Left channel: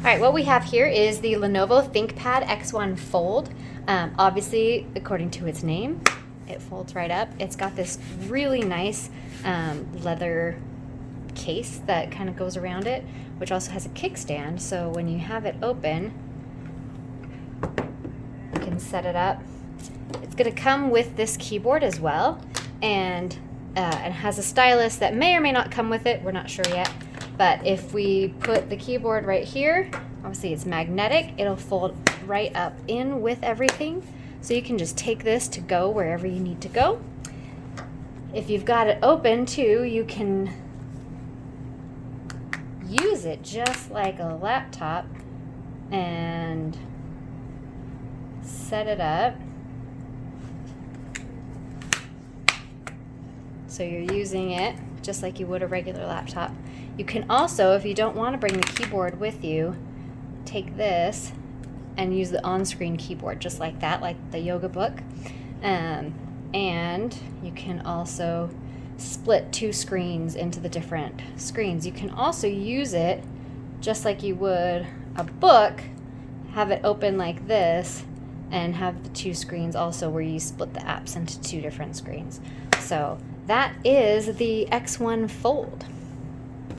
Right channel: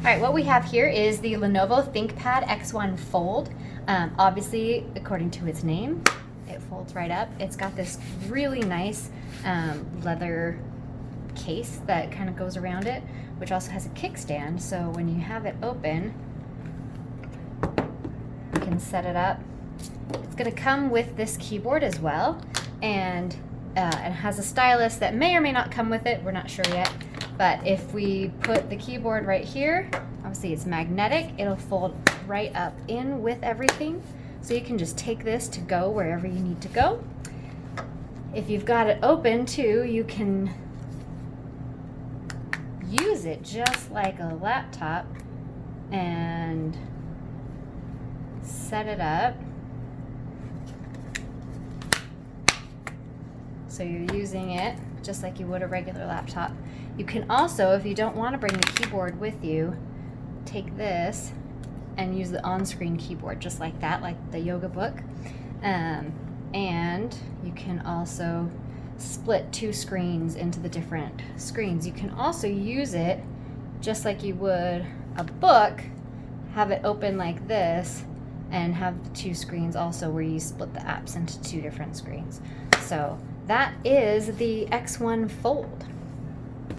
All right, what we have here is the Lenovo ThinkPad X1 Fold. Obviously, according to its name, it folds right up. It's got this really nice leather case that kind of goes around it, which also has a kickstand. So when you have it open, you can set it up. It's going to come with this keyboard as well, and it has a stylus that may or may not come with it. We're not sure yet. But if we put the keyboard right here, obviously it's magnetic, it'll fold right up in with everything. So you can just take this to go wherever you need to go. If you've got it open too, you can use it just like a laptop and set it up. So you're using it just like you would a regular laptop. You can also, if you don't want to bring the keyboard with you, take this and use the on-screen keyboard just like that, like the yoga book. And you can also split two screens into the different screens. You can also use it just like you would a book, have it open like this, and have the two screens also where you split the apps into two different screens. So that is the X1 Fold.